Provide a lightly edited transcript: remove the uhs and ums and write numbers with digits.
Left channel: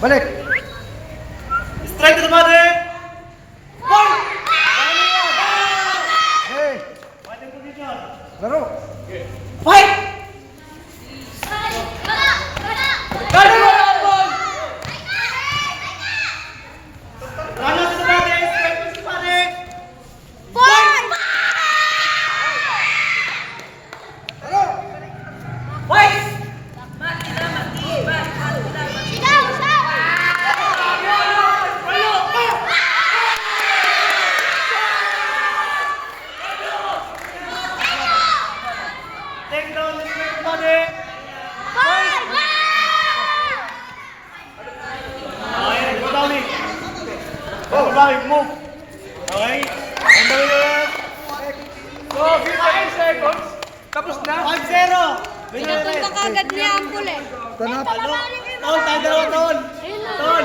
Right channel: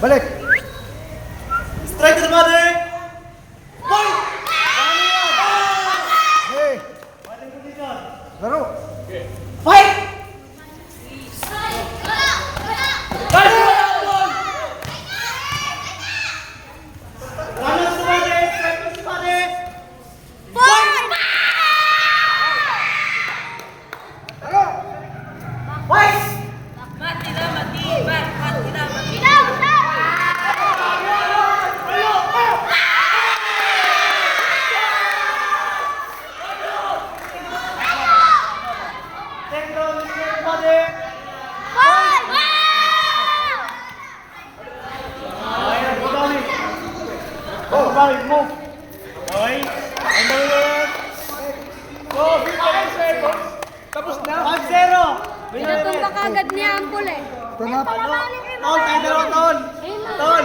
Balik. Strike to the body! Point! Hey. Fighting position. Laro. Fight! Runner to the body! Strike to the body! Point! Fight! Take down the straight body. Okay, go down it. Go down it, move. Okay. And the winner. Go, 15 seconds. Tapos na. 1-0. Winner Pinapunta ka agad niya ang pula eh. Ito na. Ton, tayo dalawa, Ton. Ton.